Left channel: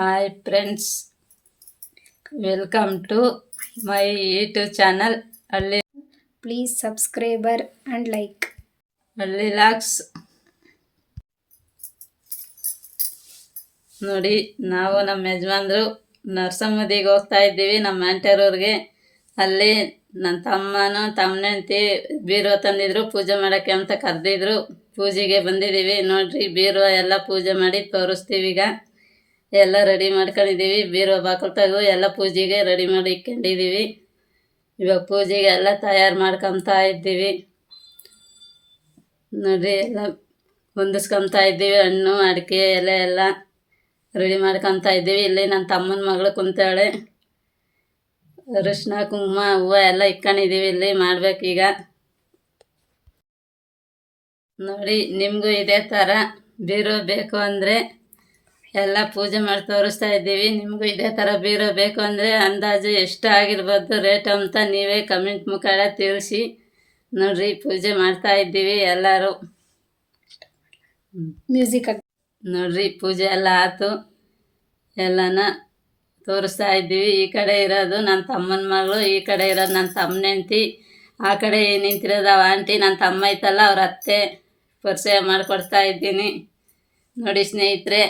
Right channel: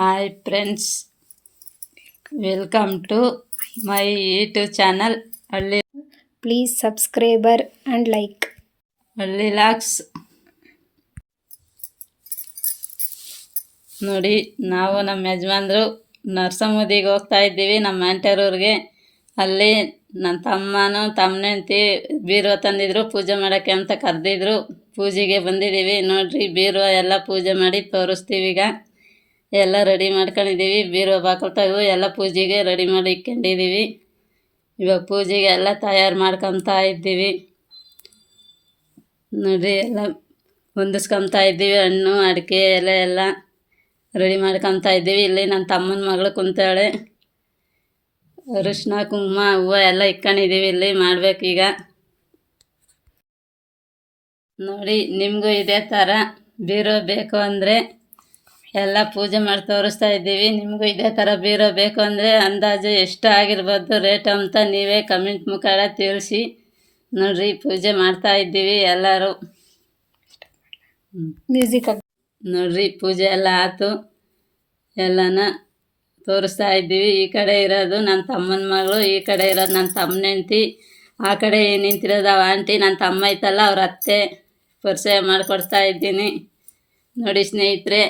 Hi friends, welcome to my YouTube channel Halli. Please subscriber and like Halli logs. ನೋಡಿ, ನಾವು ನಮ್ಮ ಯಜಮಾನ್ರು ನರಸಮ್ಮದಿಗೆ ಹೋಗ್ತಾ ಇದ್ದೀವಿ, ನಮ್ಮ ಆಂಟರವ್ರಿಗೆ. ಅಲ್ಲಿ ನನ್ನ ತಮ್ಮನೂ ತಮ್ಮನೆಂತಿ ಬೀರುವ ತಂದಿದ್ರು, ಪೂಜೆ ಮಾಡೋಕ್ಕೆ ಅಂತ ಕರೆದಿದ್ರು. ಪೂಜೆಗೆ ಬಂದಿದ್ದೀವಿ. ನೋಡ್ರಿ, ಬೀರುವ ಎಲ್ಲ ಪೂಜೆ ಮಾಡಿ ತೋರಿಸ್ತೀವಿ. ಈಗ ಎಲ್ಲ ರೆಡಿ ಮಾಡ್ಕೊಂಡಿದ್ದೀವಿ. ಬೀರುವ ಬಾಕಲು ತೆಗೆದು ಎಲ್ಲ ಪೂಜೆಗೆ ರೆಡಿ ಮಾಡಿ ಇಟ್ಕೊಂಡಿದ್ದೀವಿ. ಇವಾಗ ಪೂಜೆಗೆ ಎಲ್ಲ ತಯಾರು ಮಾಡ್ಕೊತಾ ಇದ್ದೀವಿ. ನೋಡಿರಿ, ಎಲ್ಲ ಹೊಂದಿಸ್ಕೊತಾ ಇದ್ದೀವಿ. ಹಣ್ಣು ಅಡಿಕೆ ಎಲೆ ಎಲ್ಲ ರೆಡಿ ಮಾಡ್ಕೊತಾ ಇದ್ದೀವಿ. ಇಲ್ಲಿ ನನ್ನ ತಮ್ಮನ ಮಗಳು ಕುಂತಾಳೆ. ಅರಿಶಿನ ಕುಂಕುಮ ಹೂವು ಎಲ್ಲ ಇಟ್ಕೊಂಡಿದ್ದೀವಿ. ಇಲ್ಲಿ ಮಾಡ್ಬೇಕೀಗ. ನೋಡಿ, ನಿಮಗೂ ಇದೇ ಥರ ಬೀರೋ ಬೇಕು ಅಂದರೆ ಎಲ್ಲ ಪೂಜೆ ಮಾಡಿ ತೋರಿಸ್ತಾ ಇದ್ದೀವಿ. ನಿಮಗೂ ಇದೇ ಥರ ಬೀರೋ ಬೇಕು ಅಂದರೆ ಅಂದಾಜು ಎಷ್ಟು ಆಗಿರ್ಬೋದು ರೇಟ್ ಅಂತ ನೀವೇ ಕಮೆಂಟ್ ಮುಖಾಂತರ ತಿಳಿಸಿ. ನೋಡ್ರಿ, ಪೂಜೆ ಮಾಡ್ತಾ ಇದ್ದೀವಿ ಎಲ್ಲರೂ. ಮ್ಯೂಸಿಕ್ ನೋಡ್ರಿ, ಪೂಜೆ ಎಲ್ಲ ಆಯ್ತು. ಎಲ್ಲನ ತೋರಿಸ್ತಾ ಇದ್ದೀವಿ. ಈ ಕಡೆ ಇರೋದು ನನ್ನ ತಮ್ಮನ ಮಗಳು, ಈ ಕಡೆ ಇರೋದು ನನ್ನ ತಮ್ಮನ ಹೆಂಡ್ತಿ, ಆ ಕಡೆ ನಿಂತಿರೋದು ಅವ ಆಂಟಿ. ನನ್ನ ತಮ್ಮ ಐತಲ್ಲ, ಅವ್ರ ಅತ್ತೆ ಪರಿಚಯ ಮಾಡಿಕೊಡ್ತಾ ಇದ್ದೀನಿ. ನೋಡಿ ಸ್ನೇಹಿತರೆ,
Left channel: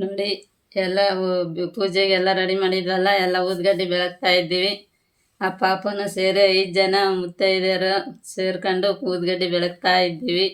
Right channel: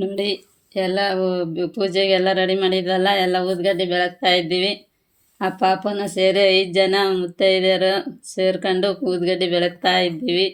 ನೋಡಿ ಎಲ್ಲ ಪೂಜೆಗೆಲ್ಲ ರೆಡಿ ಮಾಡಿದ್ವಲ್ಲ, ಎಲ್ಲ ಊದ್ಗಡ್ಡೆ ಬೆಳಗ್ತಾ ಇದ್ದೀವಿ. ಆ ಪಾಪನ ಸೇರಿ 5 ಜನ ಮುತ್ತೈದೆಯರು ಸೇರ್ಕೊಂಡು ಊದ್ಗಡ್ಡೆ ಬೆಳಗ್ತಾ ಇದ್ದೀವಿ.